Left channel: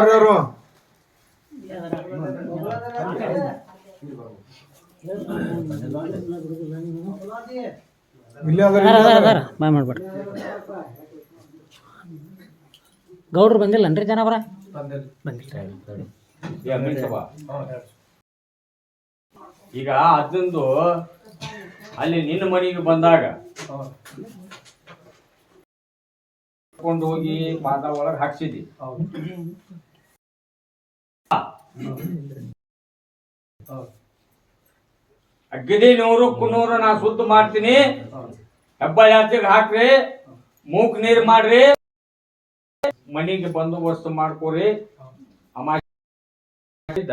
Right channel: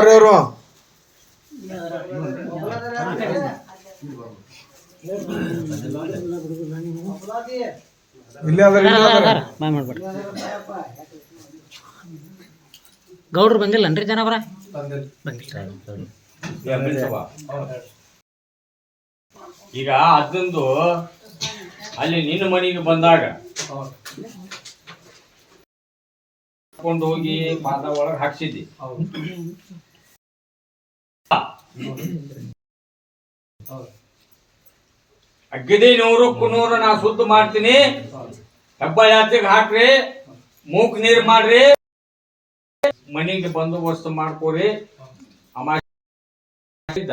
ಯಾರು ಗೌಡ್ರು ಬಂದಿಲ್ಲನ್ರಿ ಜನವರ ಈಗ ಅದೊಂದು ಅಲ್ಲಿ ನಿನ್ನ ಮನೆಗೆ ಬಂದಾಗ ಕೊಂಡು ಹೋಗಿ ಪಾದ ಒಳಗೆ ಹಾಕ್ಸಿದ್ದಿ. ಅಗ್ಗದಿ 100ಕ್ಕೂ 100 ನಾ ಸುದ್ದ ಮಾಡ್ತೀನಿ. ಹೆಬ್ಬಾಳ ಯಾತ್ರೆಗೆ ಹಾಕ್ರಿ, ಮೂಕ್ ನೀರ್ ಮಾಡ್ರಿ, ಮನಿಗೆ ಬಂದೋಬಸ್ತ್ ಮಾಡ್ಕೋರಿ. ಅಮಾಸಿದ್ದ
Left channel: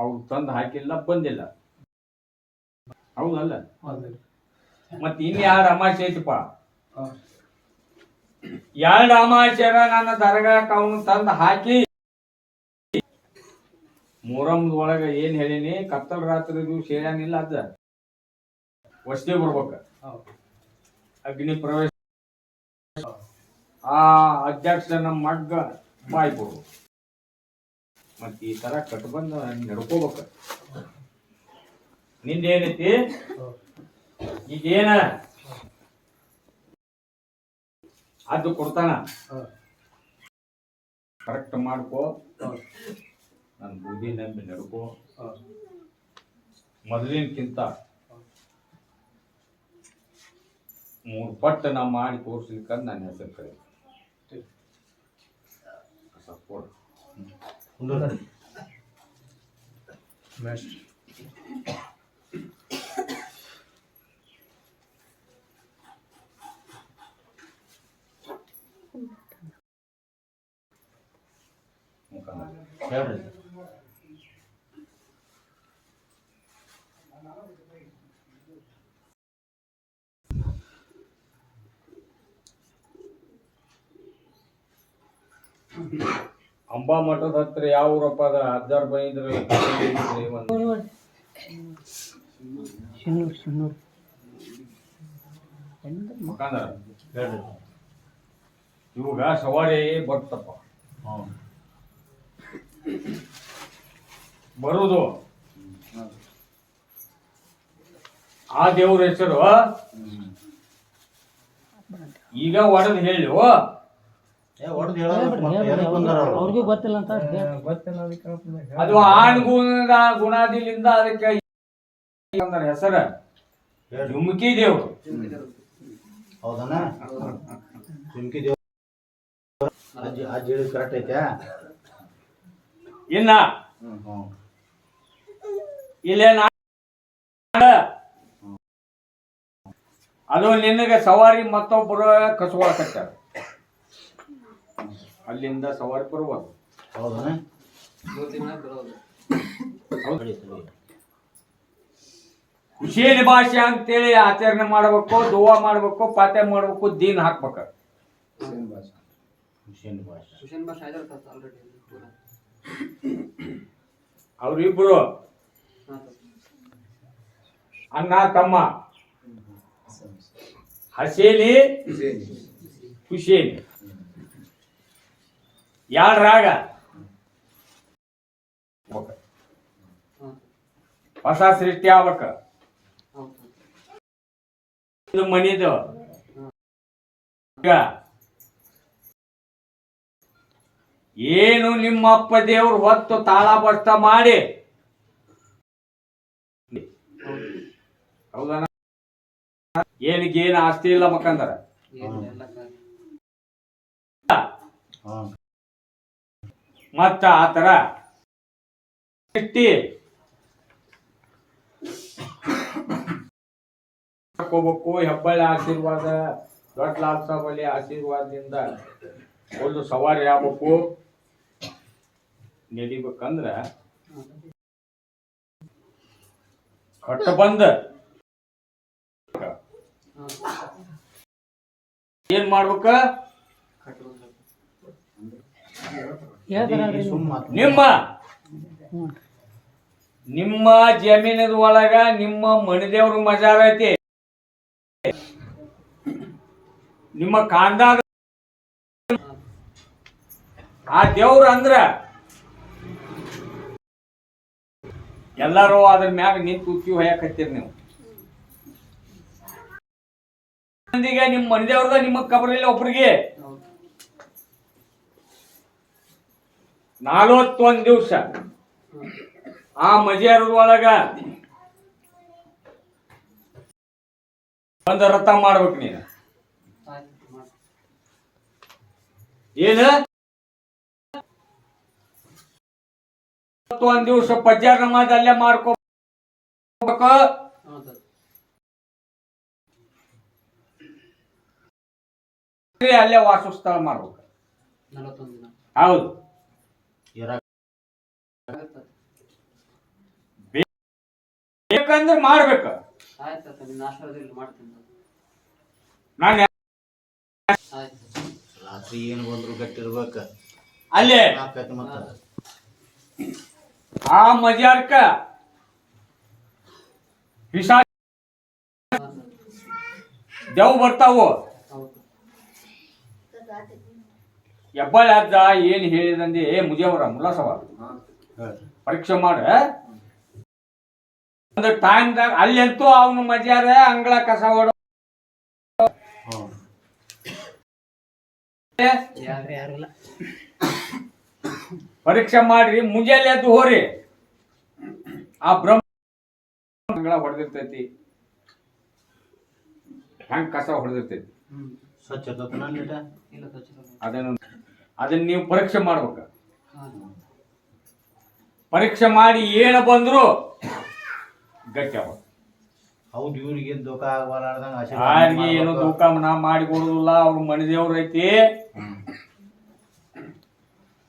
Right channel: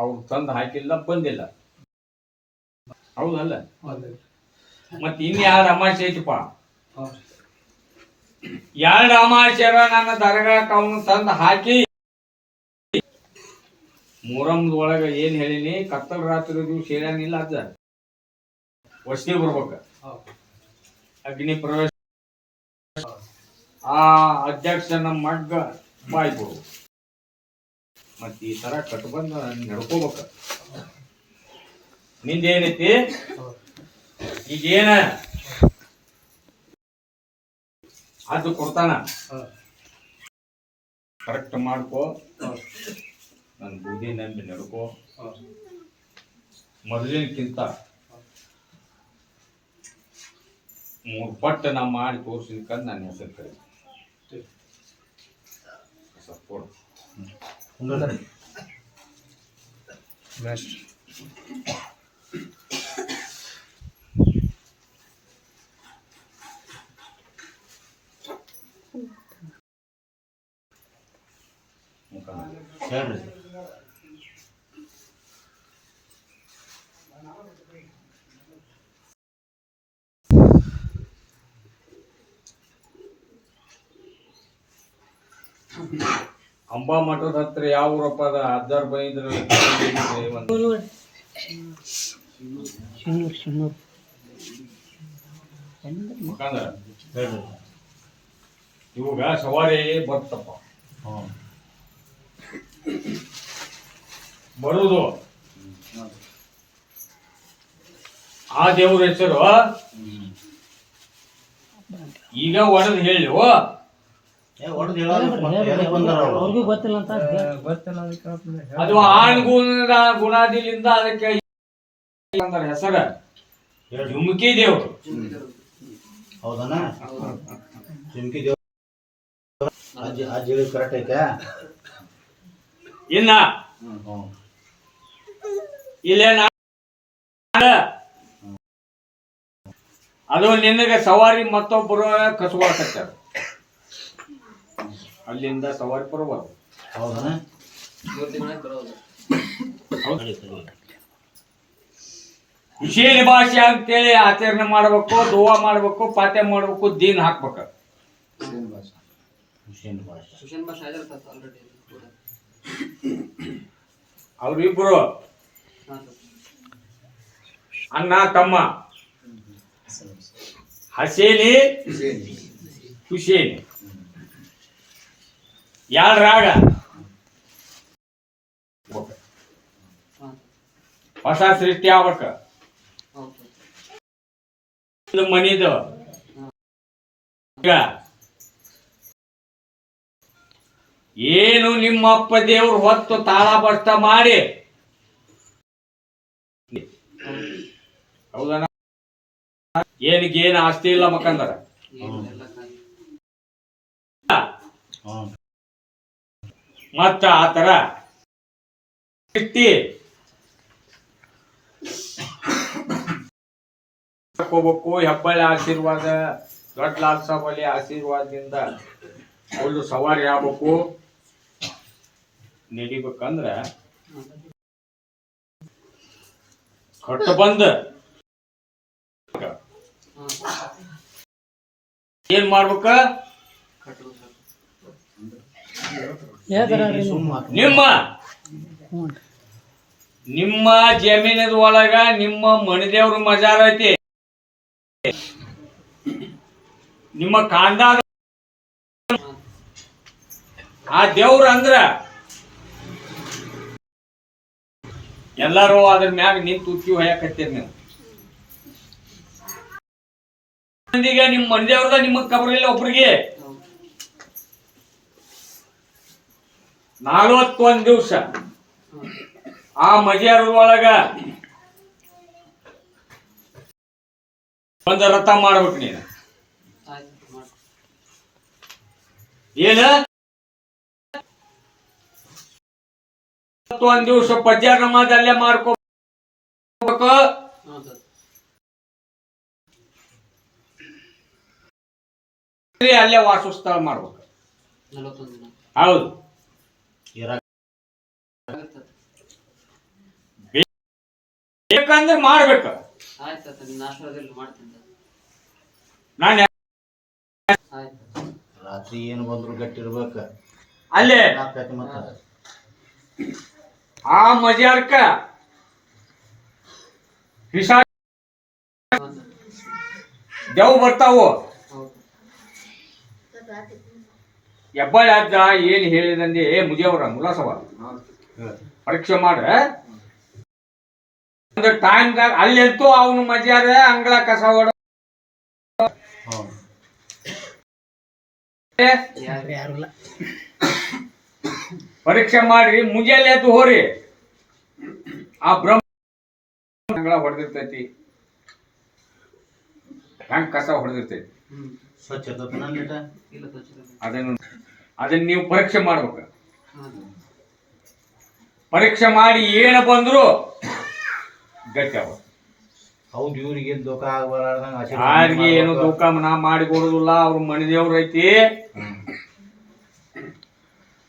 ಅವ್ರು ತಂದು ಹಾಕಿಲ್ಲ, ಬಂದಿಲ್ಲ. ಹೌದಲ್ಲ? ಮತ್ ಇನ್ಯಾರ ಅಮಾಸೆ ಐತಪ್ಪ? 2 ಅಮಾಸ್ಯರ ನನ್ನ ದರ್ಗಾಕ್ ಅವನು ತಂದು ಹಾಕಿ ಮೊಹರಂದೊಳಗ ಏನ್ ಹೇಳಿನಿ, ಕತ್ತಲ ರಾತ್ರಿ ದಿವ್ಸ ಹೇಳ್ಯಾನಿಲ್ಲ. ಅದ ವಸ್ತಿ ಬರ್ಬೇಕ, ಅಗ್ನಿ ಪ್ರವೇಶ, ಆ ಅಧ್ಯಕ್ಷನ ಮಗ್ಗ ಬಾಯ್ ಕೊಡ್ಬೇಕು. ಮತ್ ಈ ತರ ಕಟ್ಬಂದು ನಡ್ಕೋಬೇಕ. ನಿಂದೇನೈತಿ ಈಗೇನ ಅದು ಕೊಡ್ತಾನ, ಕರೆಕ್ಟ್ ಮಾಡ್ಕೋ. ನನ್ನ ಬುದ್ಧಿ ನಂಬಿ ನಡ್ಕೋ. ಮೊದಲಿನಕ್ಕಿಂತ 3 ಪಟ್ಟು ನಾ ಮಾಡಿ ತೋರಿಸ್ಲಿಕ್ಕಂತ ನನ್ನ ಹೆಸರು ಕರೆ ಸಪೋರ್ಟ್. ಅಂಬಾ ಮಠದ ಹತ್ರ ಯಾವ ಊರಪ್ಪ ಅದ? 10 ಬೈದ್ರ ಇವಾಗ ಸವಾರಿ ಬರ್ತಪ್ಪ. ಬರುದು ಆ ದೇವ್ರ ಹೆಸರು ಈಗ ಒಡದ್ ಹೇಳಿ ಅದು ಆಣ್ಗುಣದ ಗುಣಾದಿಲಿಂದ ಅದಕ್ಕೆ ಹೆಸರ ಜುಮ್ಕಿ ದೇವ್ರು. ಹೌದಣ್ಣ? ಜುಮ್ಕಿ ದೇವ್ರು ಕರೆಕ್ಟ್ ಐತೆ. ಇನ್ನ ಇಲ್ಲೇ ಅದು ನಿನಗೆ ಸವಾರಿ ಮತ್ತೊಬ್ಬರು ಕಸುವಾಕತ್ತಾರ, ಅಲ್ಲಿಂದ ಸವಾರಿ ಬರುವಾಗ. ಹೌದಣ್ಣ? ಹುಷೇನ್ ಭಾಷೆ ಅಂತೇಳಿ ಆಚರಣೆ ಮಾಡ್ಬೇಕು, ದುವಾ ಮಾಡ್ಬೇಕು, ಪಾತೆ ಮಾಡ್ಬೇಕು, ದೀನ್ ಹಾಕ್ಬೇಕ. ಅವ್ರಿಬ್ರು ಅಣ್ಣ ತಮ್ಮ, ಹಸೇನಿ ಹುಸೇನಿ, ಯಾಳ್ರಾಗ ಹೊಸ ಸೃಷ್ಟಿ ಆಗ್ಬೇಕ. ಮನಿದು ಏನು ನಿಮ್ಮ ಅಪ್ಪ ದೇವ್ರು ಹೊತ್ತು ತಾಳ ಬಸ್ತ ಮಾಡಿ, ಹೌದಾ? ಏನಿಗೇನು ಆಸ್ತಿ ಇಲ್ಲ ಮಕ್ಕಂದರ ಮತ್ತ ಆತರ ಹೋಗ್ಬೇಕು. ಹೆಬ್ಬಳ್ಳಿ ಆಶೀರ್ವಾದ, ದೊಡ್ಡ ಲಾಲ್ ಸಾಬ್ ಅಲ್ಲಿ ಆಶೀರ್ವಾದದಿಂದ ಒಂದು ಸವಾರಿ ಆಗ್ಬೇಕು. ನಡಿಬೇಕಂದ್ರ ಕಟ್ಟ ಬಂದ ಏನ್ ಮಾಡ್ಬೇಕ? ನಿಮ್ಮ ಜಮೀನದ ಒಳಗ ನಿಮ್ಮ ಮಣಿದೇವ್ರ ಮಜಾರ ಐತಿ. ನಿಮ್ಮ ಕಾಂದಾಗ ಆ ದೇವ್ರ ಅಂದ್ರ ಎಲ್ಲಾರು ಅದ್ರ ಮ್ಯಾಗ ನಿಂತು ಉಕ್ಕಿ ಹೊಯ್ಯಾಕತ್ತೀರಿ ನೀವು. ಮಂದಿಗೆ ನಿಮ್ಮ ಮಂದಿಯವ್ರದ ನಿಮಗ್ ಕಬರಿಲ್ಲ ಒಬ್ರಿಗೆ. 41 ದಿವಸ ಆ ಮಜಾರದೊಳಗ ಒಂದು ರಥ ಮಾಡ್ಬೇಕು ನೀನು. ಏನ 41 ದಿವಸ ಪಜ್ಜಾರ ನಮಾಜ್ ಅಲ್ಲೇ ಮಾಡ್ಕೋಬೇಕು. ಅಲ್ಲೇ ವಾಸಸ್ಥಳ ಮಾಡ್ಬೇಕು. ಹೌದು. ಬೇಕಂದ್ರೆ ಮಾಡ್ಬೇಕು. ರಾತ್ರಿ ಏನು ಬಂದ್ರು ಗಟ್ಟಿರ್ಬೇಕ. ಅಲ್ಲೇ ಆ ಮಜಾರ್ಕ ಪಿಶಾಚ ದೇವ್ ಬರ್ತಾವು. ಹೆಬ್ಬಾಳಿ ಅಜ್ಜ ಏನ್ ಹೇಳಿದಂಗೆ ಮುಜೇವರ ಮುಲಾಸವ ಪರೀಕ್ಷೆ ಮಾಡ ಒಂದು ಟೈಮ್ದಾಗ ಅಲ್ಲಂತೂ ಅವನು ಮಜಾರ ಅಂಗಳ ಕಸ ಹೊಡ ಪರೀಕ್ಷೆ ಮಾಡ್ರಿ. ಮುಂಜಾನೆ ಎದ್ದು ಹೋರಿ. ಆ ಬ್ರಹ್ಮ ಅಂಗಳ ಹೊಡೆದಿರ್ತೈತಿ, ಹೆಂಗ್ ಕಸ ಹೊಡೆದಿರ್ತೈತಿ, ಅದನ್ನ ನೀವು ಪರೀಕ್ಷೆ ಮಾಡ್ಬೇಕು. ಪರೀಕ್ಷೆ ಮಾಡಿ ಏನ ಬಂದ್ರು ಗಟ್ಟಿ ಅವ. ಹೌದು, ಇವ್ರಿಗೆ ದುಃಖ ಆಗಬಾರ್ದಂಗ ಯಾರಿಗೆ ಏನು ದುಃಖ ನಾ ಮಾಡಿ ಕೊಡುದಿಲ್ಲ. ಅವ್ರ ಮನೆ ದೇವ್ರ ಐತಿ.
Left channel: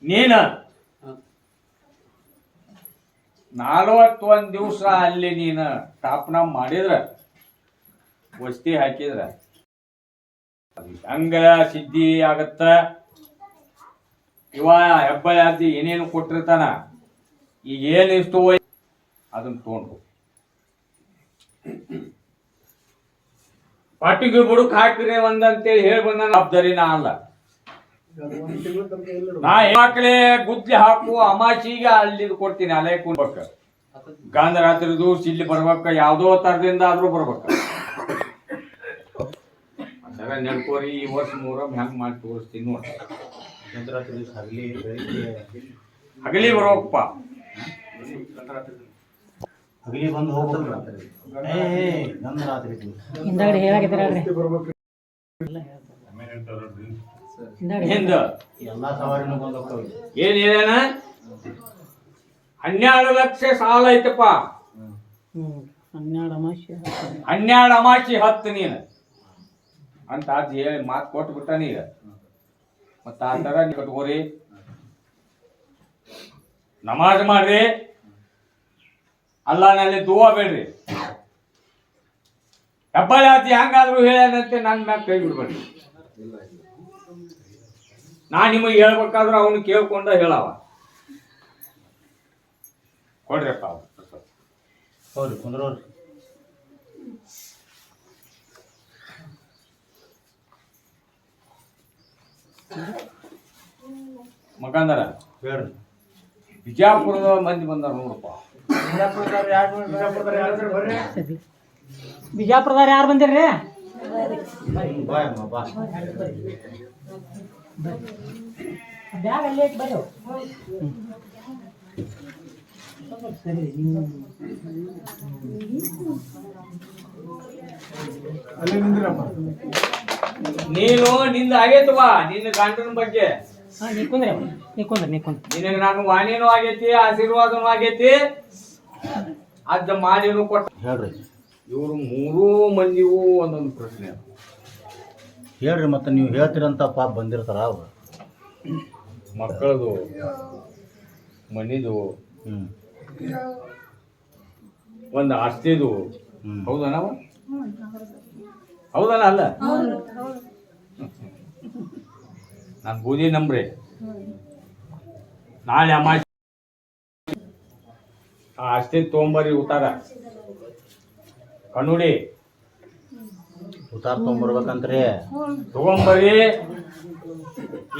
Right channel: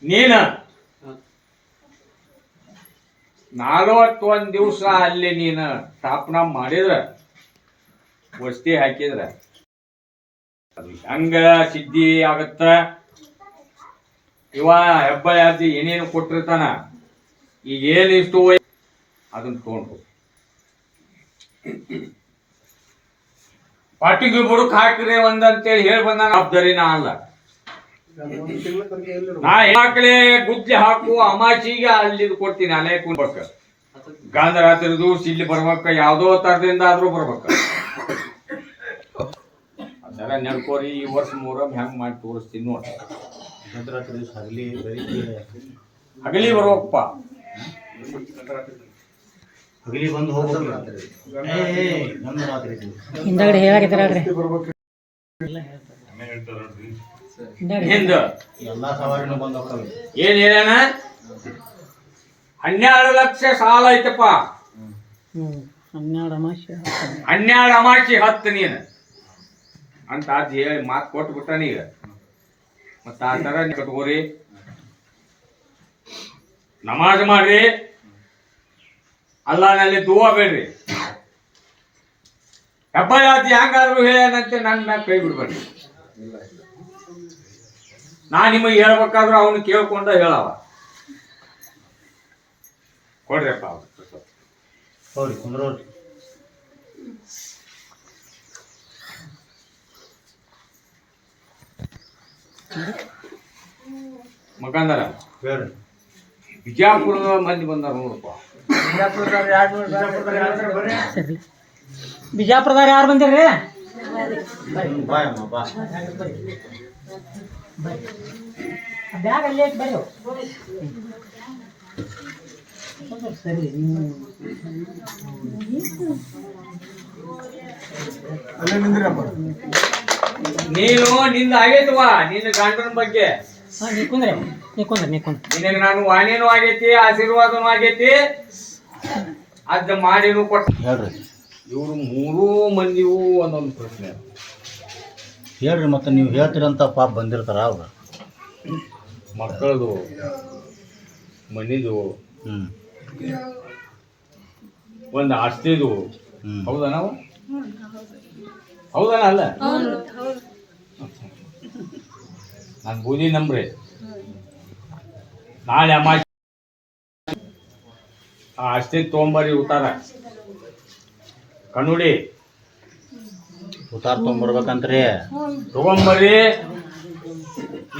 ನೀನ 41 ದಿವಸ ಅಲ್ಲಿ ನೀನು ಸ್ಥಾಪನಾ ಮಾಡಿದ್ರ, ವಸ್ತಿ ಹಾಕಿದ್ರ ಅದು ಹಂಗ ಸಿದ್ಧಿ ಆಗತ್ತ. ಇವ ಹೆಬ್ಬಾಳಿ ಅಜ್ಜಿ ಏನೇನು ಕೊಟ್ಟಿರ್ತಾನ, ಈಗ ಏನು ಇಷ್ಟು ಅದನ್ನ ತಗೊಂಡು ಪಾಟಿಗೆ ಬುಡಕ್ ಹಾಕ್ರಿ ಒಂದಂತೇಳಿ ಹೇಳಿ ಬಂದ ಜವಾಬ್ದಾರಿ ನಾ ಅಲ್ಲ. ನಾ ಹೆಣ್ಮಕ್ಳೇ ಗುದ್ಲಿ ಹಾಕು ಅಮಾಚಿಗೆ ಅಲ್ಲಿ ಕೊಡ್ತೀನಿ. ಅಲ್ಲೇ ಕುಂಡ್ಬೇಕ, ಗಾಂಧರಾತ್ರಿ ದಿವಸ ಇಲ್ಲಿ ಬರ್ಬೇಕ, ಯಾವ್ದೋ ತರದಿಂದ ಆದ್ರೂ ಬರ್ಬೇಕ. ಅದರ ನೆನ್ಕೋರಿ. ಈ ವರ್ಷ ಮೂರಮ್ ಹೆಂಗ್ ಮಾಡಿ ತೋರಿಸ್ತೀನಿ ನೋಡಿ. ಹಗಲಿ ಬರೋಪ್ಪ, ಹಗಲಿ ಬಂದು ಹೋಗ್ರಿ. ಹಿಂದಾಗಡೆ ಹೇಳಾಕಿದ್ರಿ ಹಿಂದ ಎಲ್ಲಾ ಸವಾರಿನೂ ಬಂದು ಹೋಗ್ತವೆ. ಏನ್ ಹೇಳ್ಯಾನ? 12 ಲಕ್ಷ ಸಾಲ ಐತಪ್ಪ. 12 ಅಮಾಶಿ 10 ನೀನು ಅಂತ ಅದ್ ಹೇಳಿ ಮಾತು ಕೊಟ್ಟು ಬಿಟ್ಟ ನೀಗ. ಮತ್ತ ಆ ತರ ಕಟ್ಕೋರಿ, ನಮಾಜ್ ಮಾಡ್ರಿ, ಅಲ್ಲಾನಲ್ಲಿ ದುವಾ ಬೇಡ್ರಿ. ಹೆಬ್ಬಾಳಿ ಅಜ್ಜಿ ಹೆಂಗಾದ್ರು ಹೇಳ್ಯಾನಂತೆ ನನ್ನ ಮ್ಯಾಗ ಕೈ ಬಿಡ್ಬೇಡ್ರಿ. ನಾ ನಿಮಗೆ ಹೇಳ್ಬೇಕಾದ್ರೂ ಅವನು ಕೇಳ್ಕೊಂಡ ಹೇಳವ. ಕೊಡ್ರಿಪ್ಪ ಹೌದ್ರಿ, ಕುಂದ್ರೋರಿ. ಮಕಂದರ ಹೇಳ್ರಿ. ಬಿಜಾಪುರದ ಮಂದಿ ಬಂದಾರ ನೋಡಪ್ಪ. ಬಿಜಾಪುರದಾಗ ಯಾರು ಬಂದಿರ್ರಿ? ಬಾಯ್ ಅಮ್ಮ ಬಾ. ಬ್ಯಾಗ್ ಅಲ್ಲೇ ಬರ್ರಿ. ಸರಿ, ನೀನು ನಿಂದ ಆಗೈತವಾ ನಿನ್ನ ಗಂಡನ ಬಗ್ಗೆ. ನಿನಗೆ ನಾನು ವಾಣಿನೂ ಆಗೈತಿ, ಆಶೀರ್ವಾದನೂ ಆಗೈತಿ, ಅದ್ ಮಾಡಿನೂ ಕೊಟ್ಟ. ಹೇಳ್ರಿ. ಇವ್ರು 3 ಮಂದಿಗೂ ಒಂದೊಂದು ಪ್ರಶ್ನೆ ಅದ. ಹೇಳ್ರಿ. ಮತ್ತೆ ನೀವು ಹೇಳ್ತೀರಂತ ಪಾಪ ಬಂದಿರ್ತಾರ ಅವ್ರು. ಮಕ್ಕಳದು, ಮನಿದು, ಒಂದು ಆಸ್ತಿದು. ಹೌದಾ? ನಾವು ಹೌದನ ಅಲ್ಲ? ನಾನು ಬೂದಿ ನಂಬ್ರಿ. ನಾಳೆ ಅಮಾವಾಸ್ಯೆ ಆಸ್ತಿ ತೊಗೊಂಬರಿ, ಉತ್ತಾರ ಕಣ್ಣುಡಿ ಉತ್ತಾರ ತೊಗೊಂಬರ್ಬೇಕಂತ್ರಿ. ತಗೊಂಬರಿ.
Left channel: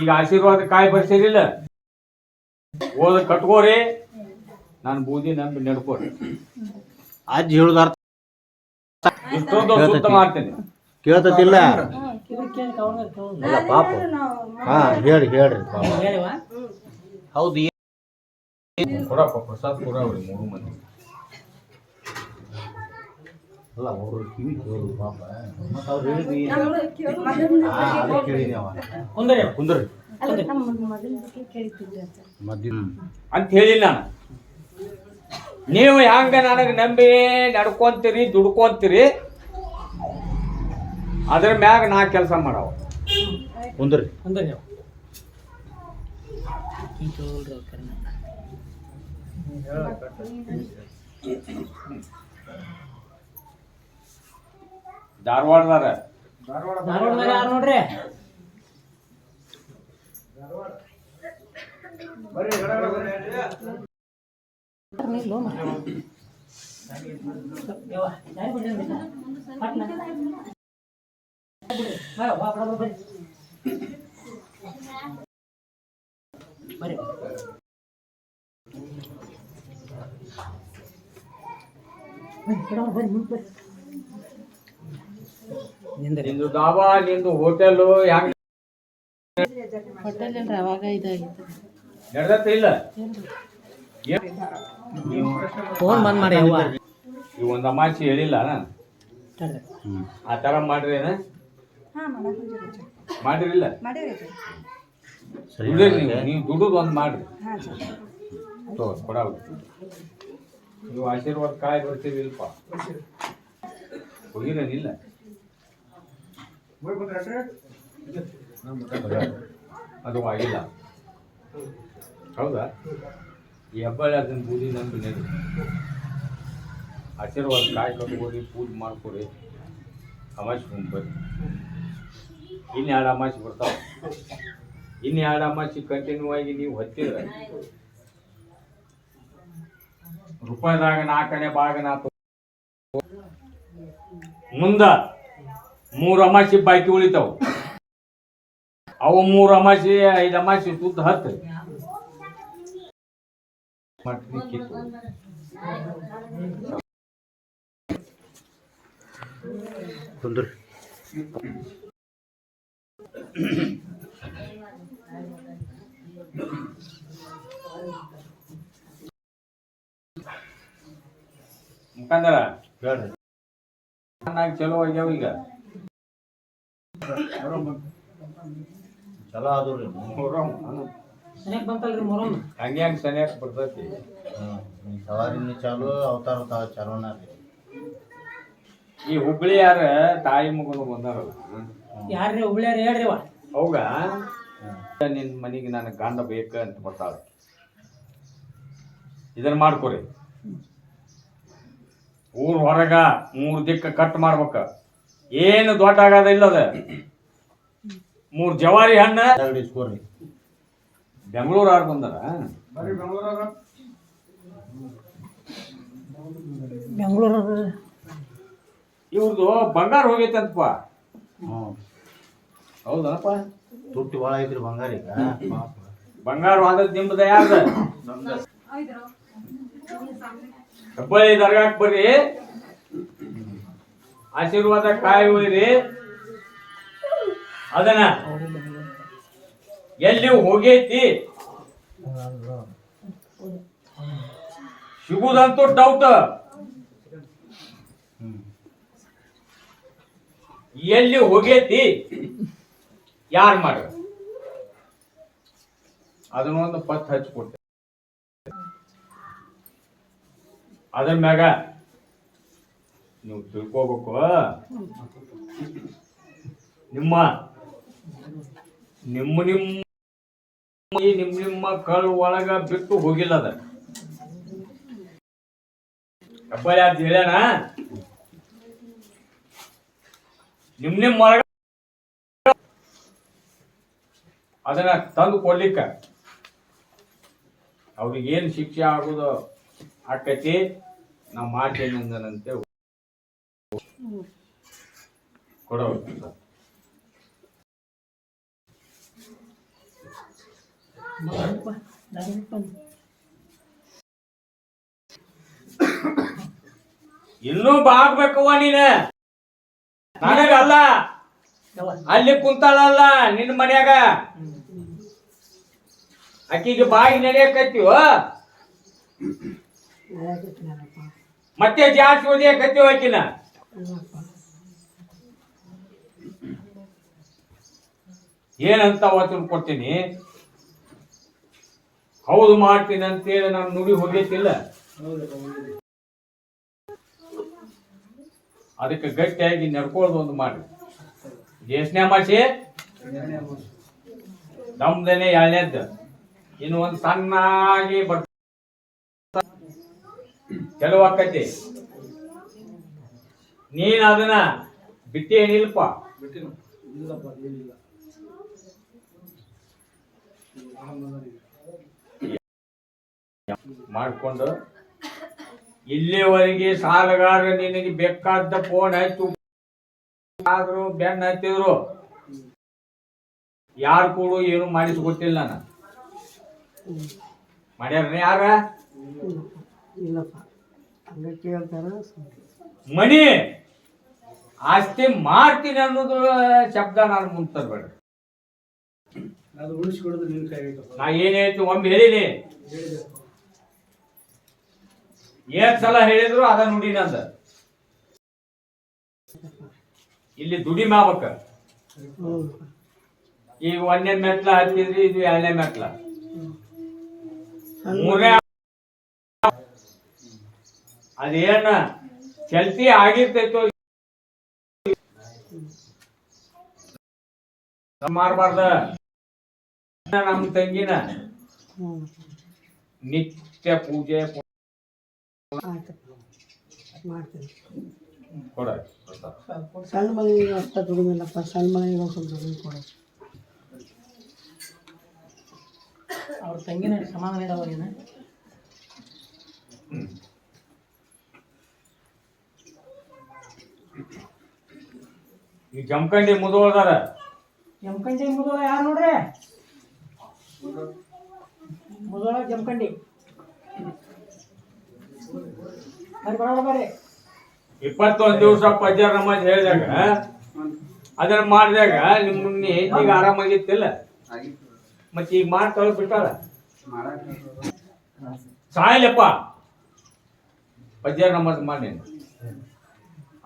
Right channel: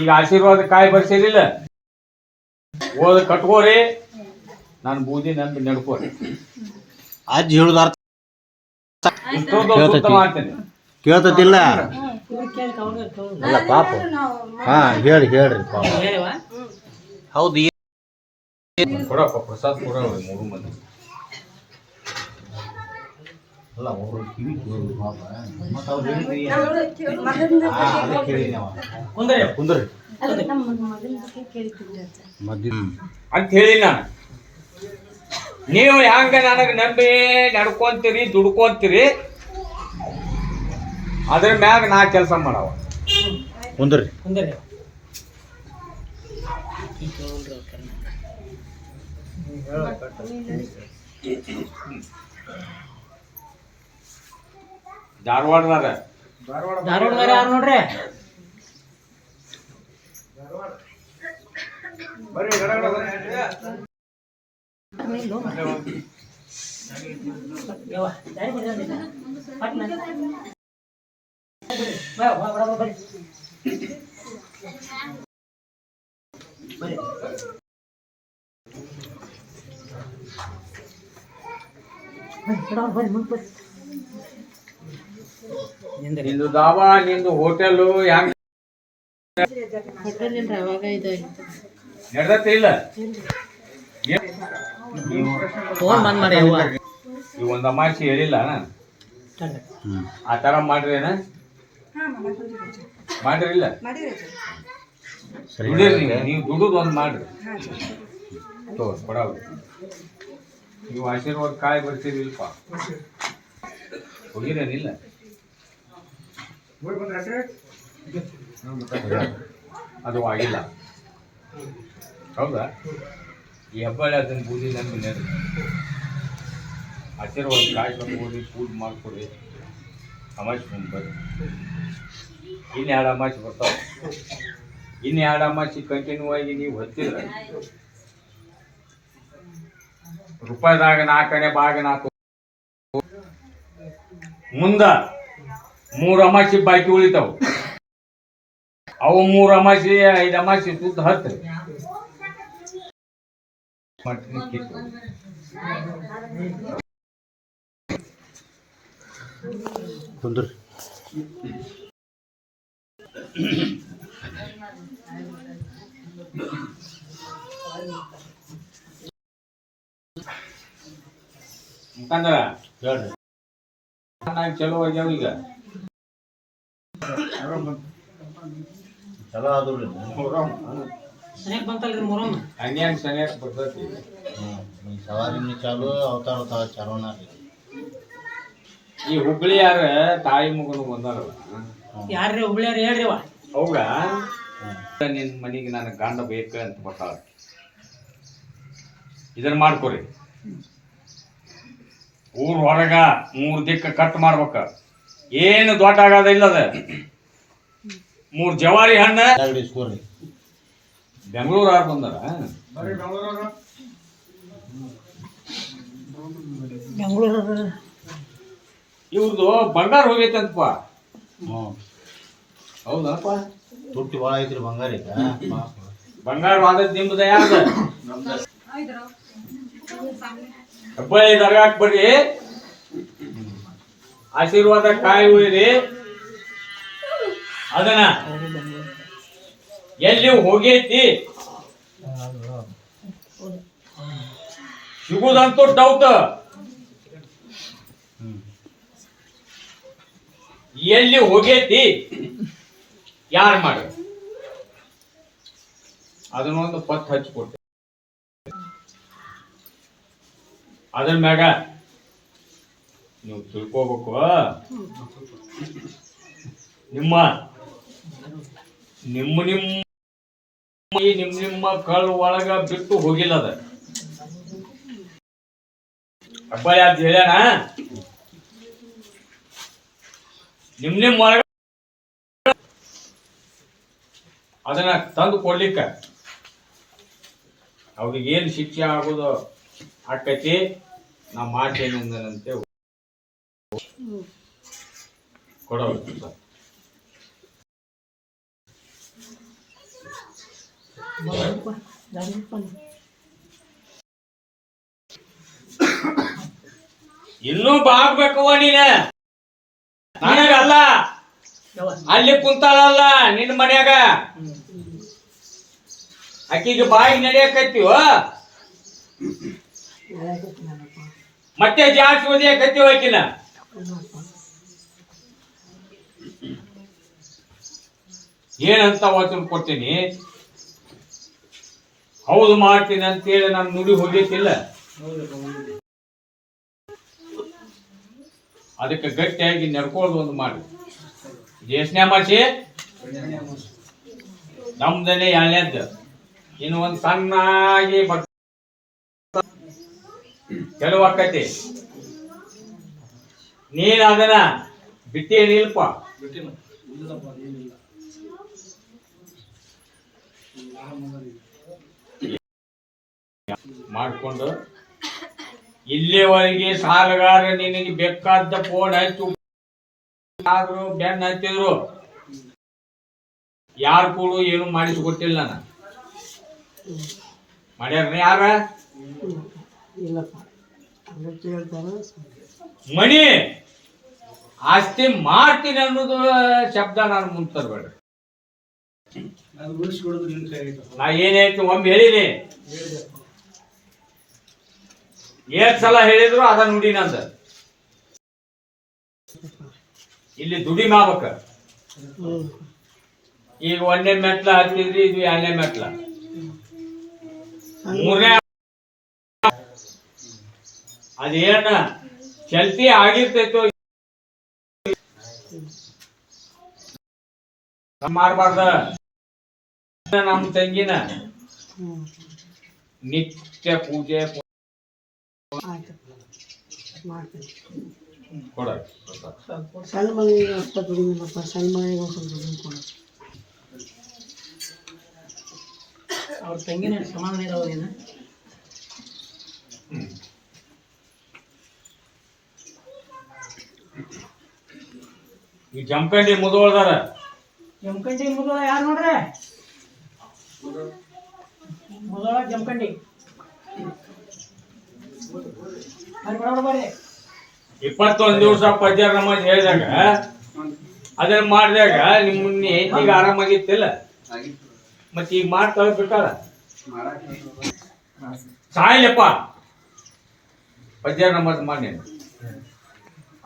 ಈಗ ಆಶೀರ್ವಾದ ಕಾಯಿ ಬರ್ಸಿರಿಲ್ಲ. ಓದ ಕಟ್ಕೋರಿ ನಾನು ಬೂದಿ ನಂಬಿ ನಡ್ಕೋರಿ ಅಜ್ಜಿ ಹೇಳುದ ಅರ್ಥ ಇಷ್ಟೊಂದು ಸುತ್ತ ಮಾಡ್ತೇನೆ ಕೇಳ್ತತಿಲ್ಲ ಅಲ್ಲ ಪಾಪ ಹಾ ಹೇಳ್ರಿ ಪಾಪ ಹೌದು ಕೊಡಪ್ಪ ಪ್ರಸಾದ್ ಕೊಡ ಮೂರು ಮಂದಿ ಅಲ್ಲ ಅವ್ರು ಕಿವಿ ಕೇಳು ಪಾಪ ಮತ್ತೆ ಅವ್ರು ಹೇಳಿದ್ರಿ ಕುಂದ್ರಿ ಅಂತ ಹೇಳಿ ನಾನು ನೀವು ಹ್ಯಾಂಗ ನನಗೆ ನಂಬಿ ನಡ್ಕೊಂತೀರಿ ದುಡ್ಕೊಂತೀರಿ ಅದ್ರ ಮ್ಯಾಗ ನಾ ಕೆಲಸ ಮಾಡವ ಕುಂದ್ರಿ ಧಾರವಾಡದಾರ ಧಾರವಾಡ ಯಾರು ನೋಡ್ರಿ ನಿಂದು ದಾಬಾ ನಿಂದು ಹೋಟೆಲ್ ಹೆಂಗ ನಡೆದತ್ತೆ ಇಲ್ಲ ಫೋನ್ ಬಂದ್ ಮಾಡಿ ಅವ್ವ ಈ ಒಂದು ಅಮಾಸಿ ಹೇಳಿಲ್ಲ ಆ ಥರ ಮಾಡ್ರಿ ಮಾಡಿರಿಲ್ಲ ದುಡಿರಿ ನೀವು ದುಡುದು ಒಂದು ಮಾಡ್ರಿ ಕೊಡವ ನೀವು ಆಶೀರ್ವಾದ ಕಾಯಿ ಬರ್ತೀರಿಲ್ಪ ಹೋಗಿರೇನಿಲ್ಲ ಅದು ಆಗಿಲ್ಲ ಹೌದಾ ಈ ಹೆಬ್ಬಾಳೆ ಅದನ್ನು ಬೂದಿ ನಂಬಿ ನಡಿ ಆಶೀರ್ವಾದ ಕಾಯಿ ಕಟ್ಕೊಡಿ ಪೂಜೆ ಮಾಡ್ಕೊಡಿ ಅಮಾಸಿ ಬರ್ರಿ ಇನ್ನು ಅಮಾಸಿ ಬರ್ತಾವ ಇನ್ನು ಅಮಾಸಿ ಕಂಟಿನ್ಯೂ ಆಗಿ ನೀವು ಹೊತ್ತಿದ್ರೆ ರೂಪಾಯಿದಾಗ 4 ಭಾಗ 4 ಮುಂದ 3 ಅಮಾಸಿ ಬಾಕಿ ಉಳಿತಾವ ಅವು 3 ಅಮಾಸಿ 5 ಅಮಾಸಿ ಸುತ್ತ 10 ಕುಂದ್ರಿ ಮುಖಂದರ ಹೇಳ್ರಿ ಚಲೋ ಆಗ್ಯಾವ ಈಗ ಚಲೋ ಆದ್ರಿ ಸನೇಕ್ ಬಂತಲ್ರಿ ಮೊರಮ್ಮ ಹಂಗ್ಯಾಂಗ ಸನಿಯಾಕ ಬರ್ತೈತಿ ಸವಾರಿನೂ ಚಾಲು ಅವತಾರ ಚಾಲೋನ ರೀ ಈ ಹುಬ್ಳಿ ಯಾರ ತಾಯಿ ಮಗನು ಬಂದಾರಲ್ಲ ಯಾರ್ರಿ ಹುಬ್ಳ್ಯಾರ ಹೇಳ್ರಿ ಅವ ಹೌದ ನಿನ್ನ ಮನೆಗೆ ನನಗೆ ಗಂಡ ಬೇಕ ಅಂತ ಬರ್ತಾಳ ಇದನ್ನ ಮಾಡ್ಕೊರಿ ಊರ್ ಹೊರಗ 3 ದಿಕ್ಕ ಕಟ್ ಮಾಡ್ಬೇಕ ಏನು ದೊಡ್ಡ ಆಗದ ಇಲ್ಲದ 3 ಜವಾರಿ ಹಣ್ಣ ಇಸ್ಕೋರಿ ಬೆಂಗಳೂರು ಯಾರು ಬಂದಾರ ಬೆಂಗಳೂರು ಇವ್ರದ್ದು ಬಂಗಾರ ಹೋಗೈತಂತಪ್ಪ ಹೌದಪ್ಪ ತುಟ್ಟಿ ಭಾಳ ಐತ್ರಿ ಬಂಗಾರ ಈಗ ಬಂಗಾರ ಆದದ್ ನಿಮ್ದ ಯಾರ್ದ ಹೆಬ್ಬಳ್ಳಿ ದರ್ಗಾಕ್ ಬರ್ರಿ ಆಶೀರ್ವಾದ ಕಾಯಿ ಒಯ್ರಿ ಅದನ್ನ ಎಲ್ಲಿ ಹೋಗೈತಿ ಸಿಗುದಂತೂ ಡೌಟ್ ಎಲ್ಲಿ ಹೋಗೈತಿ ಯಾರು ಮಾಡ ಅದನ್ನೊಂದು ಪತ್ ಹಚ್ಕೊಡ್ತೇವೆ ಅದ್ರ ಮ್ಯಾಗ ನೀವು ತಿಳ್ಕೋಬೇಕು ನಿಮ್ಮ ನಿಮ್ಮ ನಿಮ್ಮ ನಿಮ್ಮ ಕಳ್ಳ ಒಳಗ ಬಿಟ್ಟು ಹೋಗಿಲ್ಲ ಅದ ಹೆಬ್ಬಾಳಿ ಅಂತ ಹೇಳ್ಯಾನ ನಿಮ್ಮ ಒಳಗ ಅದನ್ನ ತಂದು ಕೊಡ್ಲಿಕ್ಕ ಅವ್ರಿಗೆ ಏನು ಶಿಕ್ಷೆ ಆಗೋದು ಆಕೈತಿ ನಾ ಮಾಡ್ತೇನೆ ಅಂದನಂತೆ ಕೊಡಬೇಕು ಸರ್ ಇನ್ನೂ ಬಾಗ್ಬೇಕವ್ವ ನೀನ ನನಗಲ್ಲ ಅಲ್ಲಿ ಕುಂತಾಳಲ್ಲ ನಿನ್ನ ಮನ್ಯಾಗ ಆಕಿಗೆ ಬಾಯಿ ನಡೆಯಕತ್ತೀವ ಮತ್ತೆ ಜಾಸ್ತಿ ಓದಿಯಕತ್ತೀವ ಆಕಿನ ಏನಂತ ವಚನ ಕೊಡ್ತೀನಿ ಹೌದು ಮಾಡ್ತೀನಿ ಅಂತೇಳಿ ನಾನು ನುಡಿ ಹೋಗಿತ್ತಿಲ್ಲ ಅದಕ್ಕೆ ಗಟ್ಟಿಯಾಗಿ ನಡ್ಕೊಳ್ಳೋದು ಒಂದು ಮಾಡಿ ದೇಶನೇ ಮಾಡಿಸಿ ನಮ್ದನೆ ಎಳ್ನೇದ್ದು ಇನ್ನು ಒಂದು ಸಣ್ಣಾಗಿ ಕೆಲವು ಆಕತಿ ನೀನು ಅದನ್ನ ಬಿಟ್ಟಿ ಏನಿಲ್ಪ ಮಾಡ್ಕೊಂಡು ಇಲ್ಲಿವರೆಗೆ ಸಾಲಗಾರ ನಿನಗೆ ಬೇಕಾದ ಫೋನ್ ಆಯ್ತು ಆದ್ರು ಬೆನ್ನ ಹತ್ತಿದ್ರು ಯಾರು ಕೂಡ ಏನು ಮಾಡಿಸ್ಕೊಟ್ಟಿಲ್ಲ ನಾನು ಮಾಡ್ಯಾರ ಯಾರ ಮಣಿ ಆಸ್ತಿ ಮಾಡ್ತೀನಿ ಅನ್ನೋದು ಶಬ್ದ ನಾನು ಮುಂದೆ ತರಬೇಡ ನಾ ಏನಾಯ್ತು ಒಮ್ಮೆ ಹೇಳಿನಿ ಏಟ್ ಸಲ ಹೇಳಿದ್ರು ಅದ ನುಡಿ ನಂದ ಇಲ್ಲಿ ದುಡಿಮೆ ಆಗ್ಬೇಕ ಈಗ 1ನೇ ಮೆಟ್ಲ ಹತ್ತಿದ್ರಿ ಇದು 2ನೇ ಮೆಟ್ಲ 3ನೇ ಅದೇನ ಚಲ್ತಿ ಆಗಿರ್ತೈತೋ ಮಾಡಬಾರ್ದ ನಮ್ಮ ತಂಗಿನ ನಿತ್ಯ ಪೂಜೆ ಕೊಡ ಸಣ್ಣ ಮಗಳಿಗೆ ಅಷ್ಟ ದುಡಿಮಿಲ್ಲಪ್ಪ ಸಣ್ಣ ಮಗಳಿಗೆ ಸ್ವಲ್ಪ ದುಡಿಮೆ ಕೊಡು ಅವ್ರ ತಂಗಿನ ಸಮಾಧಾನ ಇರೋದೇನ ಈ ಜಮಖಂಡಿ ಮುದೋಳ್ದಾರ ಜಮಖಂಡಿ ಮುದೋಳ ಯಾರು ನೋಡ್ರಿ ಮುದೋಳ ಜಮಖಂಡಿ ಅಲ್ಲಿ ಬರೋಣ ಬರ್ರಿ 21 ದಿವಸ ಪಜ್ಜಾರ ನಮಾಜ್ ಹೇಳಿದಾಗ ಅದನ್ನ ಮಾಡಿದಾಗ ನಿಮ್ಮನ್ನ ಈಗ ಆರಾಮಾಗಿತ್ತಿಲ್ಲ ಮತ್ತೆ ಈಗ ಮಾಡಿ ತಲುಪಿಟ್ಟಾರ ಸಾಯಿಲಪ್ಪ ಪಜ್ಜಾರ ನಮಾಜ್ ಮಾಡಿ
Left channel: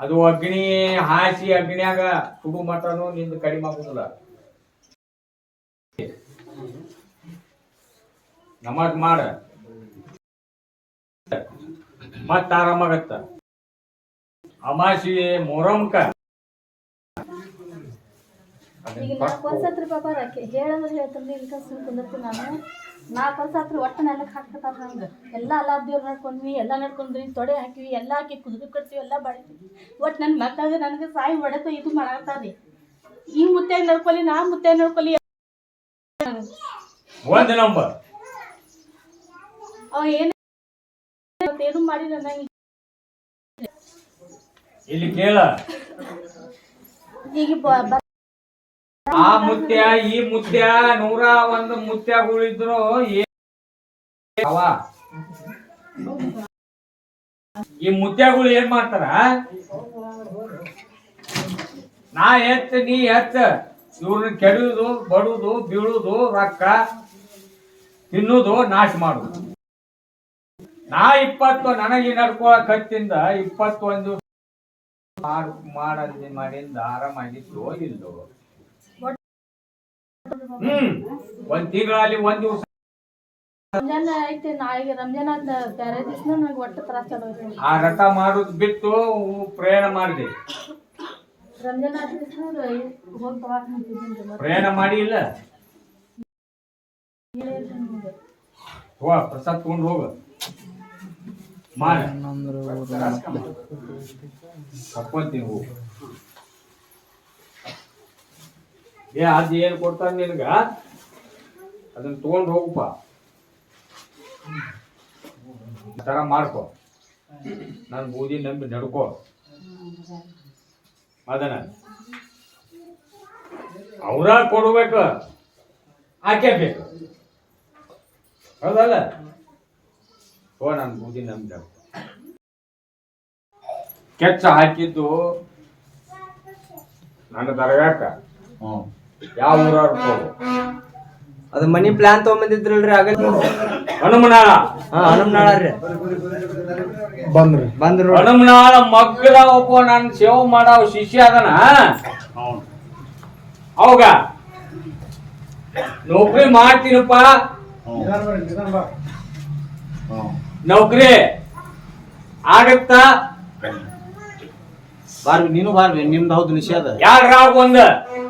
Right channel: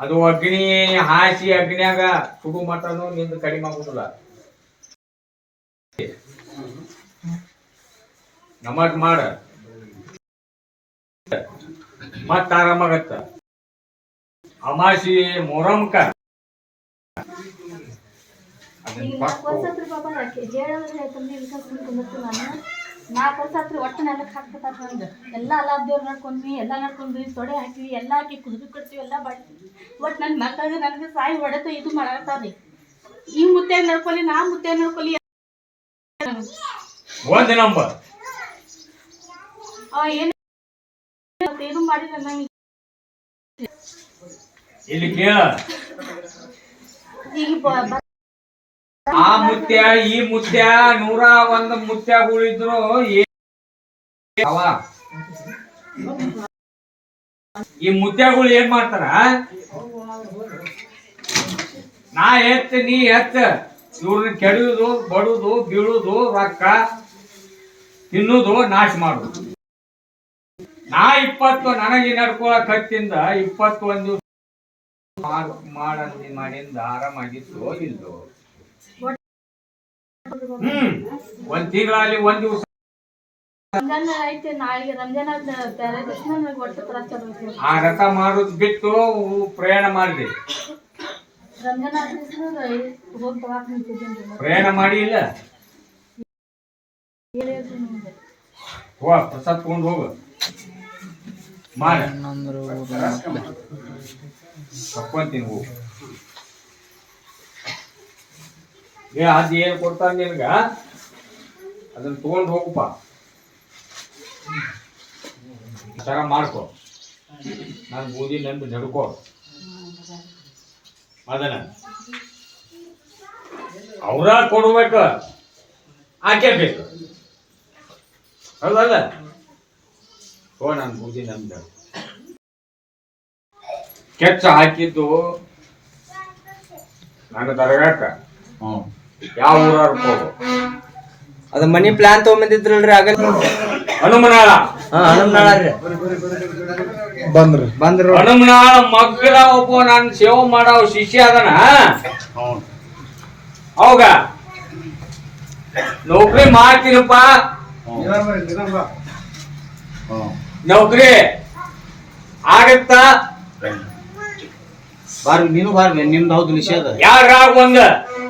ಅದು ಅಗ್ನಿ ಹಾಸಿ ಅಗ್ನಿಯಾಗ ಸುಡು ಮಟನು ನಿಂದು ಕಡಿಮೆ ಆಗುದಿಲ್ಲ ನಮಾಜ್ ಮಾಡ ಮತ್ತ ಆರಾಮಾಗತ್ತ ಅಮಾಸಿ ಮೊರಮ್ಕ ನಾಲ್ಕು ವರ್ಷ ಆತ್ರಿ ಒಟ್ಟು ನೆಲಕ್ಕೆ ಹಾಕ್ತಾರ ನಂಗೆ ಎಲ್ಲ ಅಲ್ಲಾದೇವ್ರು ನಡ್ಕೊಂಡ್ವಿ ಎಲ್ಲ ನಡ್ಕೊಂಡ್ವಿ ತೊಡೆ ಹಾಕಿವಿ ಎಲ್ಲ ಹಾಕಿ ಕುದುರೆ ಕಟ್ತೀವಿ ಎಲ್ಲ ಮಾಡ್ತೀವಿ ಒಟ್ಟು ನನ್ನ ಮಕ್ಕಳಿಗೆ ನನಗೆ ಸಾಯಿ ಹೊಡೆತ ಇದು ಮಾಡಾಕ್ತಾರ್ರಿ ಈ ಮುತ್ಯಾಗ ನಡ್ಕೊಲಿ ನಾ ಮುತ್ಯಾಗ ನಡ್ಕೊಲಿ ಒಂದ್ ನಂಬರ್ ಅವ ಏನು ಮಾಡಿಲ್ಲ ನಂಗೆ ಇಲ್ಲಿ ಕೇಳ ಈಗ ಆ ಮುತ್ಯ ಈ ಮುತ್ಯ 101 ಮುತ್ಯಗಳಿದ್ರು ಈ ಮುತ್ಯಗಳು ಏನ್ ಮಾಡ್ತಾರ ನಾ ಎತ್ತ ನೀ ಎತ್ತ ಇವ್ರನ್ನ ಕೆಡುವುದು ಬಡುದು ಬೀಳುದು ರೊಕ್ಕ ತಿನ್ನುದು ನಾಶ ಮಾಡುದು ನಾ 20 ನನಗೆ ನಡ್ಕೊಳಕ್ ಹತ್ತಿಂದ 21 ಮಾಡಿಂದ ಆರಾಮಾಗಿತ್ತು ಇಲ್ದು ಒಂದ್ ತಿಂಗಳಲ್ಲಿ ಒಂದ್ ದಿವಸ ರಂಜಾನ್ ಐತಿ ನಾಳೆಗೆ ರಂಜಾನ್ ಆದ ಬೇರೆ ದಿವಸ ನನಗೆ ಒಟ್ಟು ತ್ರಾಸ ಆ ರಥ ಮಾಡೋದು ಬಿಟ್ಟು ಪ್ರಯಾಣ ಮಾಡಿದೆ ರಂಜಾನ್ ಆದ ದಿವಸ ಹೋಗಿ ತಗಾಕ್ ನಿಂತಿದ್ದೀನಿ ಪ್ರಯಾಣ ಮಾಡಿ ಇಲ್ಲ ಹೋಗ ಪ್ರಸಾದ್ ತಗೊಂಡು ಹೋಗ ಮಾಡ ತಕ್ಕೊಂತೀನಿ ಹೋಗು ಅದ್ ಏನ್ ಕೊಡ್ತಾರ ನಿನ್ಗ ಅದನ್ನ ತಗೊಂಡು ಹೋಗಪ್ಪ ತರ ಮಾಡ್ಕೊ ನನ್ ಬೂದಿ ನಂಬಿ ನಡ್ಕೋ ಅದನ್ನ ಅವ್ರ ಕೊಡ್ಬೇಕು ಆಕೆ ಬೇಕು ಹೌದಲ್ಲ ಓ ನಾನು ಬೂದಿ ನಮ್ದ ಕೆಚ್ಚ ಹಾಕಿದ್ದು ನನ್ನ ದರ್ಗಾಕ ಹ್ಞೂ ಯಾವ ಊರವ್ರು ಹೋಗು ಅದ ಮನಿ ಪ್ಲಾನ್ ತಗೊಂಬಂದಿದ್ರಲ್ರಿ ಆಗಲ್ಲ ಹನುಮನಾಳ ಹನುಮನಾಳ ರೀ ಬಂದ್ರು ಹನುಮನಾಳ ಮಗ್ಗದ ಒಬ್ಬ ನಾನು ಸೇವೆ ಮಾಡೋ ಶಿಷ್ಯ ಅದನ ಹ್ಞೂ ಅವಾಗ ನೌಕರಿ ಮಾಡ್ತೀನಪ್ಪ ಹ್ಞೂ ನೌಕರಿ ಆಗತ್ತಾ ಬಾರ್ವಿ ನೀನು ಬಾರ್ವಿ ನಿಮ್ದು ಹೌದು ನಿಷೇಧ ಯಾರಾಗ ಒಂದ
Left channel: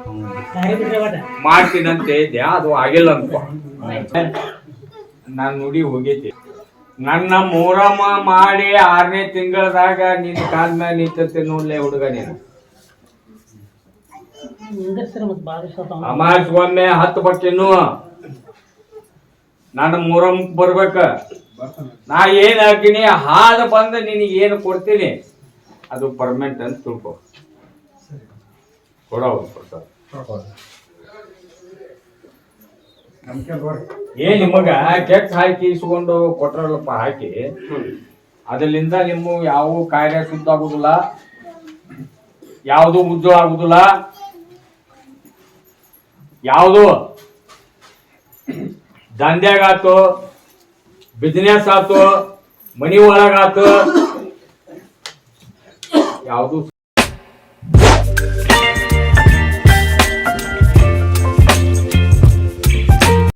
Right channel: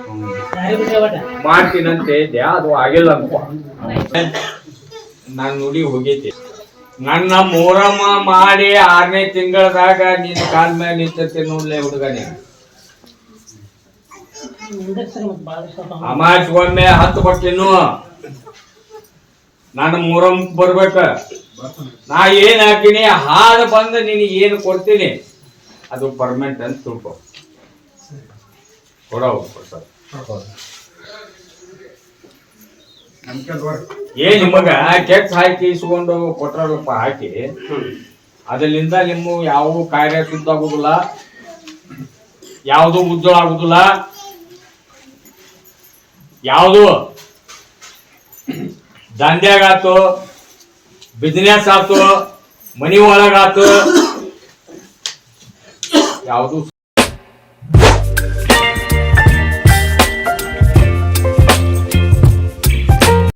ಹ್ಞೂ ದಾರಿ ಬಿಟ್ರೆ ಬಟ ಮಾಡ್ತೀನಂತ ಇದ್ದೆ ಅದು ಆಗಿಲ್ಲ ಅನ್ಕೋ ನಾನು ನುಡಿ ಹೋಗೈತಿ ನನ್ನ ಮೊಹರಮ ಮಾಡಿ 6ನೇ ತಿಂಗಳದಾಗ ನಿನ್ನ ಕಾಲ ಮೇಲೆ ನಿಂತೈತೆ ನೋಡ್ಲೆ ಹುಡುಗ ನೀನು ಮುಂದಕ್ಕೆ ಮತ್ತೆ ಭಾಳ ಇಷ್ಟ ಅಮಾಸ್ಗೊಮ್ಮೆ 10 ಬಕ್ಕಿನ್ನು ನನ್ನ ಮೊಹರಂ ಬರ್ಬೇಕ ನಾ ಏನ್ ಹಾಕಿನಿ ಹಾದ ಬಂದ ನಿನಗೆ ಏನು ಕೊಡ್ತೀನಿ ಅದು ಪರ್ಮನೆಂಟ್ ಅಂತ ತಿಳ್ಕೊ ಕೊಡ ಸರ್ ಏನ್ ನಿಮಗ ಕೆಟ್ಟ ಹಾಕಿ ಇಸ್ಕೊಂಡು ಕೊಟ್ರಲ್ಲಪ್ಪ ಹಾಕಿ ಅದರಿಂದ ನಿಮ್ಮ ಯಾವ ಕಾರ್ಯ ಶುದ್ಧ ಆಗುದಿಲ್ಲ ಯಾವುದು ಉಜ್ಜಳ ಆಗುದಿಲ್ಲ ಯಾವುದು ದಂಧ್ಯಾಗಾತು ಬಿಸ್ನೆಸ್ ಆತು ಮನಿ ಒಳಗಾತು ಯಾವುದು